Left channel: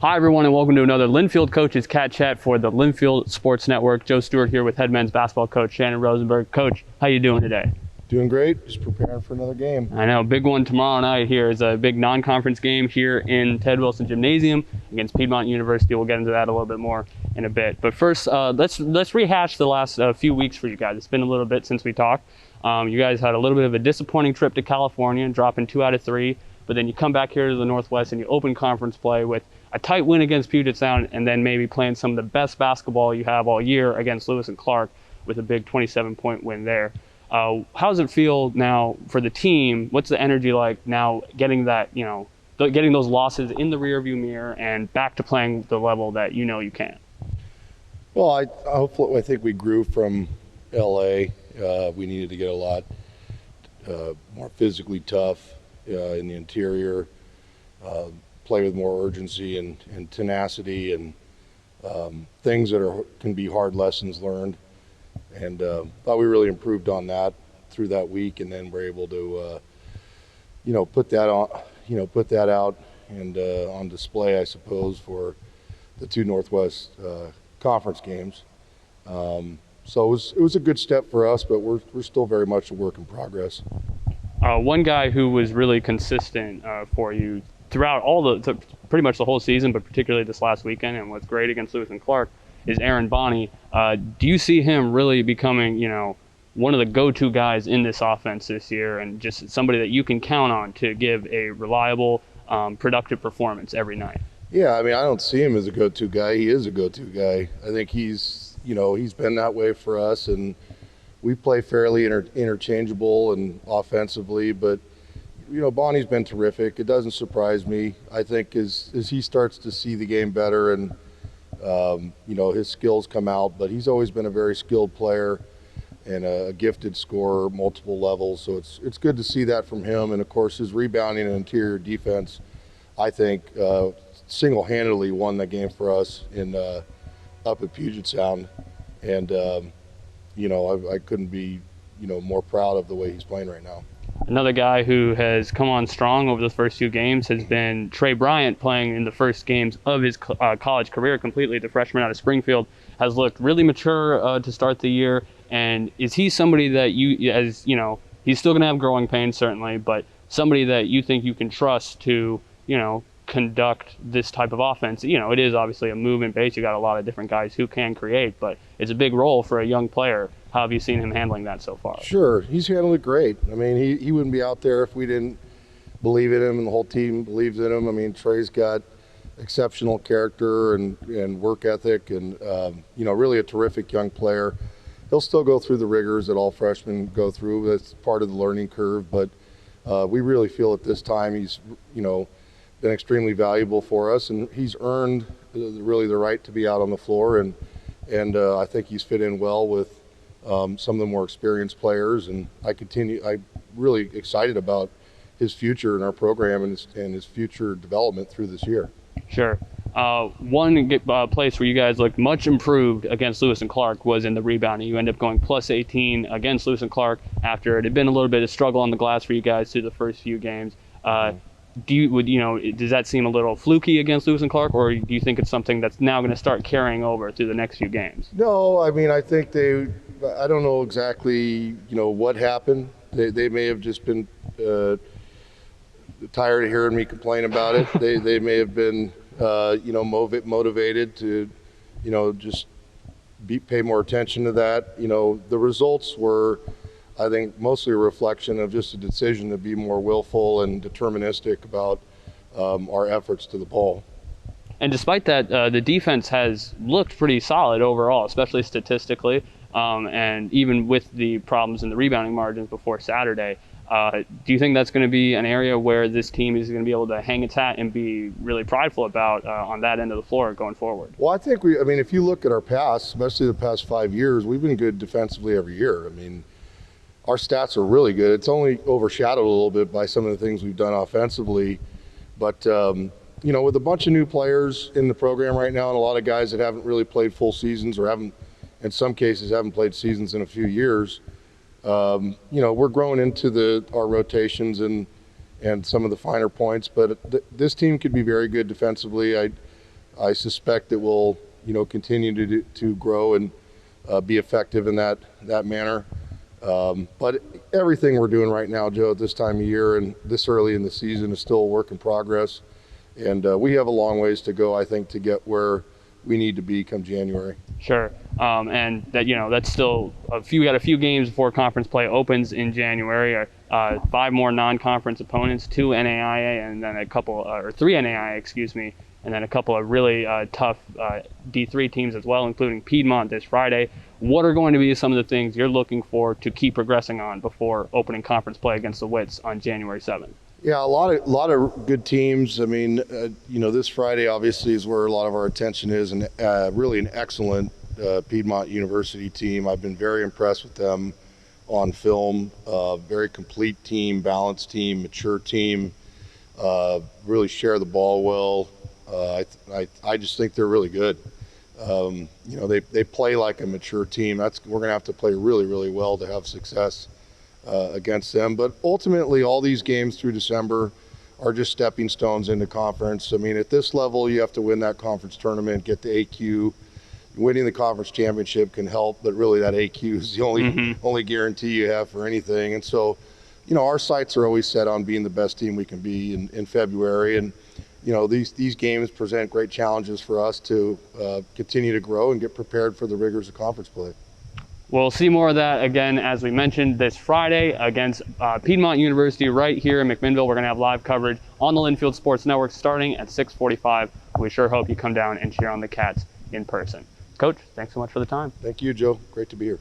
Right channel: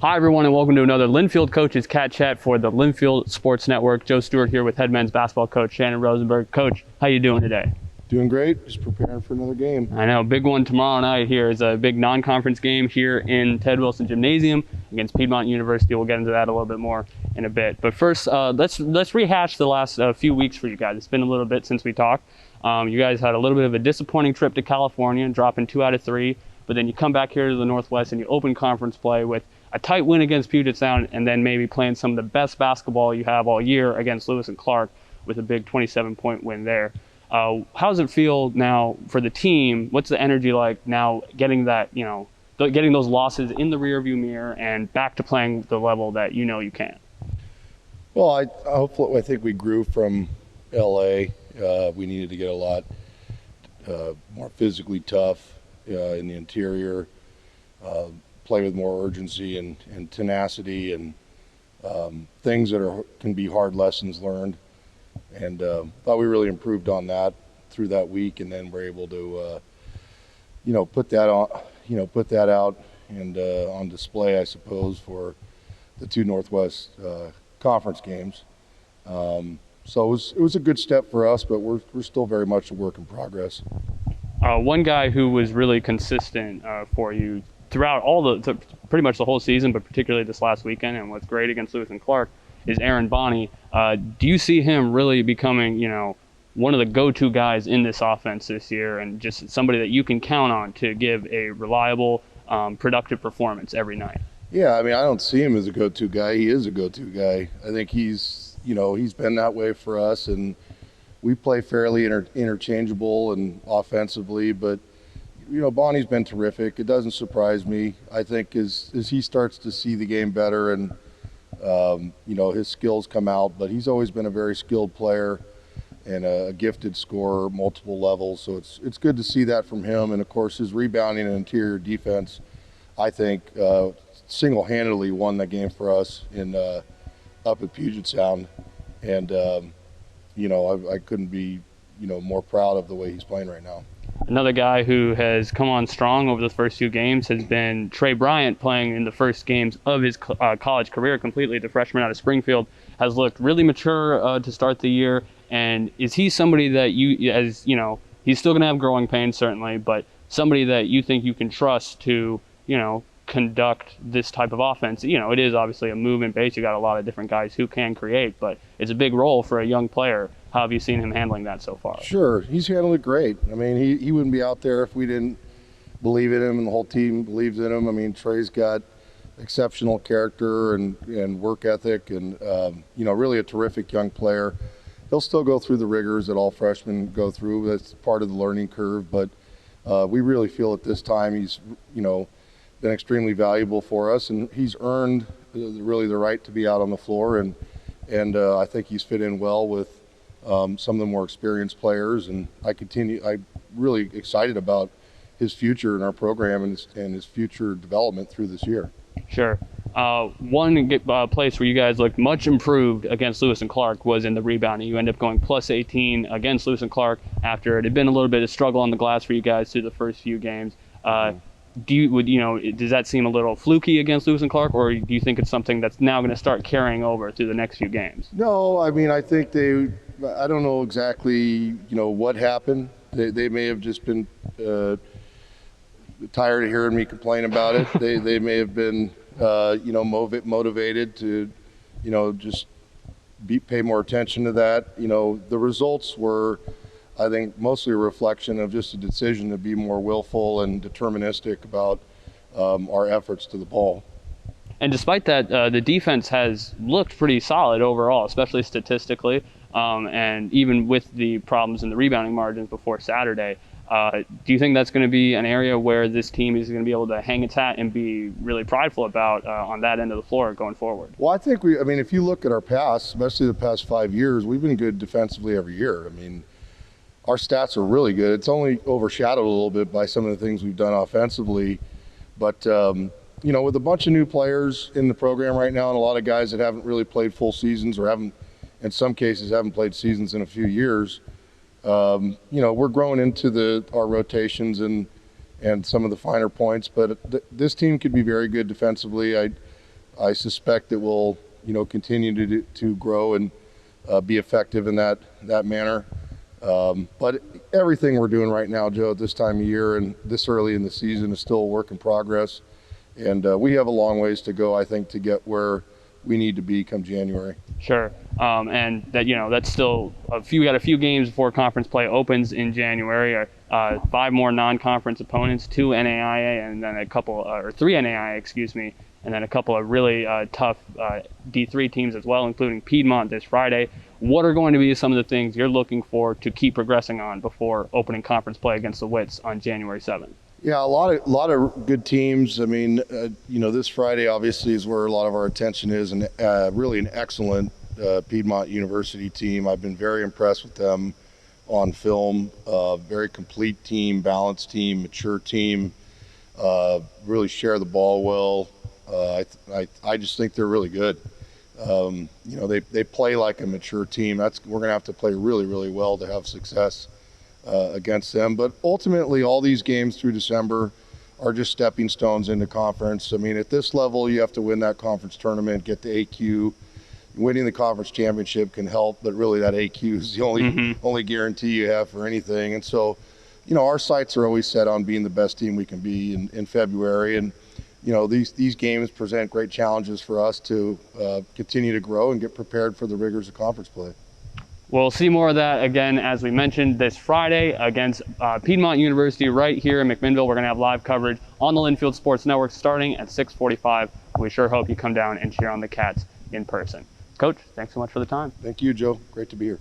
Hi, everyone, and welcome to another Linfield Coaches CatChat for the Linfield Sports Network. Joe Stuart here with head men's basketball coach Shanan Rosenberg. Coach, how you doing today? Doing great. Just preparing for another game. I know, big one tomorrow night here is a big non-conference game here in Ted Wilson Gymnasium against Piedmont University. We'll get into that a little bit more in a bit. But first, let's rehash the last few weeks for you guys. It's been a little bit since we talked. You guys had a little bit of a disappointing trip to California, dropping 2 out of 3. But then you come back here to the Northwest and you open conference play with a tight win against Puget Sound, and then maybe playing some of the best basketball you have all year against Lewis and Clark with a big 27-point win there. How does it feel now for the team? What's the energy like now getting that, getting those losses in the rearview mirror and back to playing the level that you know you can? Well, I think we grew from LA. We needed to get a lot more physically tough in the interior. Play with more urgency and tenacity and things that can be hard lessons learned. And thought we really improved on that through that week, and then we're able to, put that on, put that out and on display, I suppose, for the 2 Northwest conference games. So it was a good step for us, but we're still very much a work in progress. One guy who was really consistent for you throughout pretty much the whole season, but particularly this last weekend and what's great against Lewis and Clark is Aaron Baune. Do you see him really becoming, one of the go-to guys in this offense this year and just somebody that you can count on to give a reliable, productive performance every night? Yeah, I don't see him as a go-to guy. He is a go-to guy. I think he's been that way for us, and we play fairly interchangeable and offensively, but Bonnie's been terrific. It doesn't surprise me. I think as he starts to see the game better and his skills come out, but he's always been a very skilled player and a gifted scorer, multiple levels. So it's good to see that from him. And of course, his rebounding and interior defense, I think, single-handedly won that game for us up at Puget Sound. And I couldn't be more proud of the way he's playing right now. Another guy who has come on strong over the first 2 games has been Trey Bryant, playing in the first games of his college career completely. The freshman out of Springfield has looked really mature to start the year. And is he somebody that he's still going to have growing pains certainly, but somebody that you think you can trust to, conduct this type of offense? It is obviously a movement base. You got a lot of different guys who can create, but it's a big role for a young player. How have you seen him handling that so far? Sure, he's handled it great. He wouldn't be out there if we didn't believe in him and the whole team believes in him. Trey's got exceptional character and work ethic and, really a terrific young player. He'll still go through the rigors that all freshmen go through. That's part of the learning curve, but we really feel at this time he's, been extremely valuable for us, and he's earned really the right to be out on the floor, and I think he's fit in well with some of the more experienced players, and I'm really excited about his future in our program and his future development through this year. Sure. One place where you guys looked much improved against Lewis and Clark was in the rebounding. You end up going plus 18 against Lewis and Clark after it had been a little bit of struggle on the glass for you guys through the first few games. Does that seem a little fluky against Lewis and Clark, or do you think it's something that's now going to start carrying over through the next few games? No, I think I don't know exactly, what happened. They may have just been tired of hearing me complain about it. They may have been, motivated to, just pay more attention to that. The results were, I think, mostly a reflection of just a decision to be more willful and deterministic about our efforts to the ball. And despite that, the defense has looked pretty solid overall, especially statistically, and even with the problems in the rebounding margins before Saturday. Do you think that's going to be an area where this team is going to be able to hang its hat and be really prideful about on that end of the floor going forward? Well, I think if you look at our past, especially the past 5 years, we've been good defensively every year. Our stats are really good. It's only overshadowed a little bit by some of the things we've done offensively. But, with a bunch of new players in the program right now and a lot of guys that haven't really played full seasons or in some cases, haven't played seasons in a few years, we're growing into our rotations and some of the finer points. But this team could be very good defensively. I suspect it will, continue to grow and be effective in that manner. But everything we're doing right now, Joe, at this time of year and this early in the season is still a work in progress. And we have a long ways to go, I think, to get where we need to be come January. Sure. And that, that's still we got a few games before conference play opens in January. 5 more non-conference opponents, 2 NAIA, and then or 3 NAIA, excuse me, and then a couple of really tough D3 teams as well, including Piedmont this Friday. What are going to be some of the things you're looking for to keep progressing on before opening conference play against the Wits on January 7th? Yeah, a lot of good teams. I mean, this Friday obviously is where a lot of our attention is, and really an excellent Piedmont University team. I've been very impressed with them on film. Very complete team, balanced team, mature team. Really share the ball well. I just think they're really good. They play like a mature team. We're going to have to play really, really well to have success against them. But ultimately, all these games through December are just stepping stones into conference. I mean, at this level, you have to win that conference tournament, get to AQ. Winning the conference championship can help, but really that AQ is the only guarantee you have for anything. And so, our sights are always set on being the best team we can be in February. And, these games present great challenges for us to continue to grow and get prepared for the rigors of conference play. We'll see more of that again, as we mentioned, this Friday against Piedmont University right here in McMinnville. We're going to have live coverage on the Linfield Sports Network starting at 6:45. We sure hope you come down and cheer on the Cats in person. Coach, thanks so much for the time. Thank you, Joe. Great to be here.